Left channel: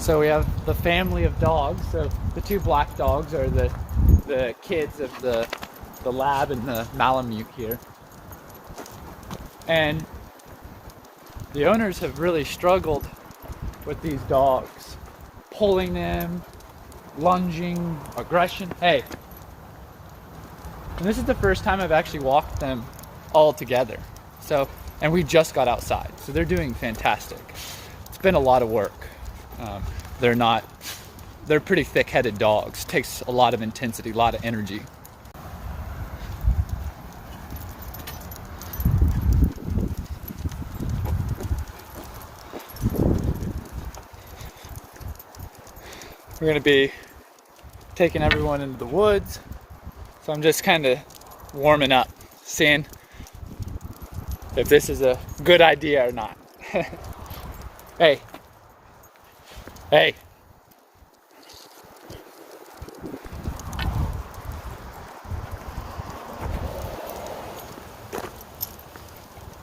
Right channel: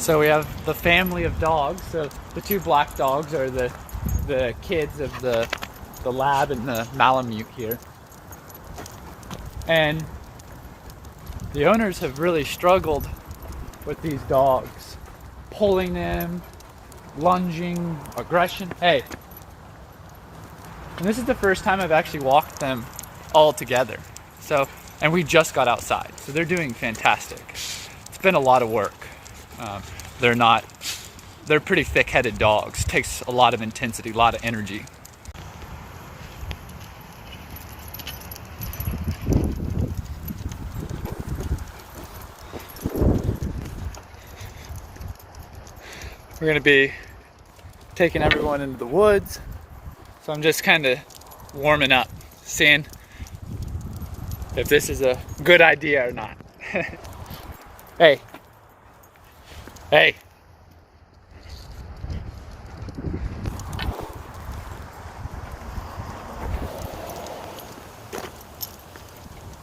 So we have the family of dogs. So the two black dogs are the kids of the lab and the Malamute here. And the owners have really struggled with these dogs. Pulling them, lunging, aggression. Hey. And this is the first time I've actually walked them all together. So, and we just got outside. So they're doing fantastic. It's been a lot of work. They're pretty thick-headed dogs. It takes a lot of intensity, a lot of energy. We're gonna be taking everyone into the woods. So I'm just kind of warming up, seeing if this is a good idea or not. Hey. Hey.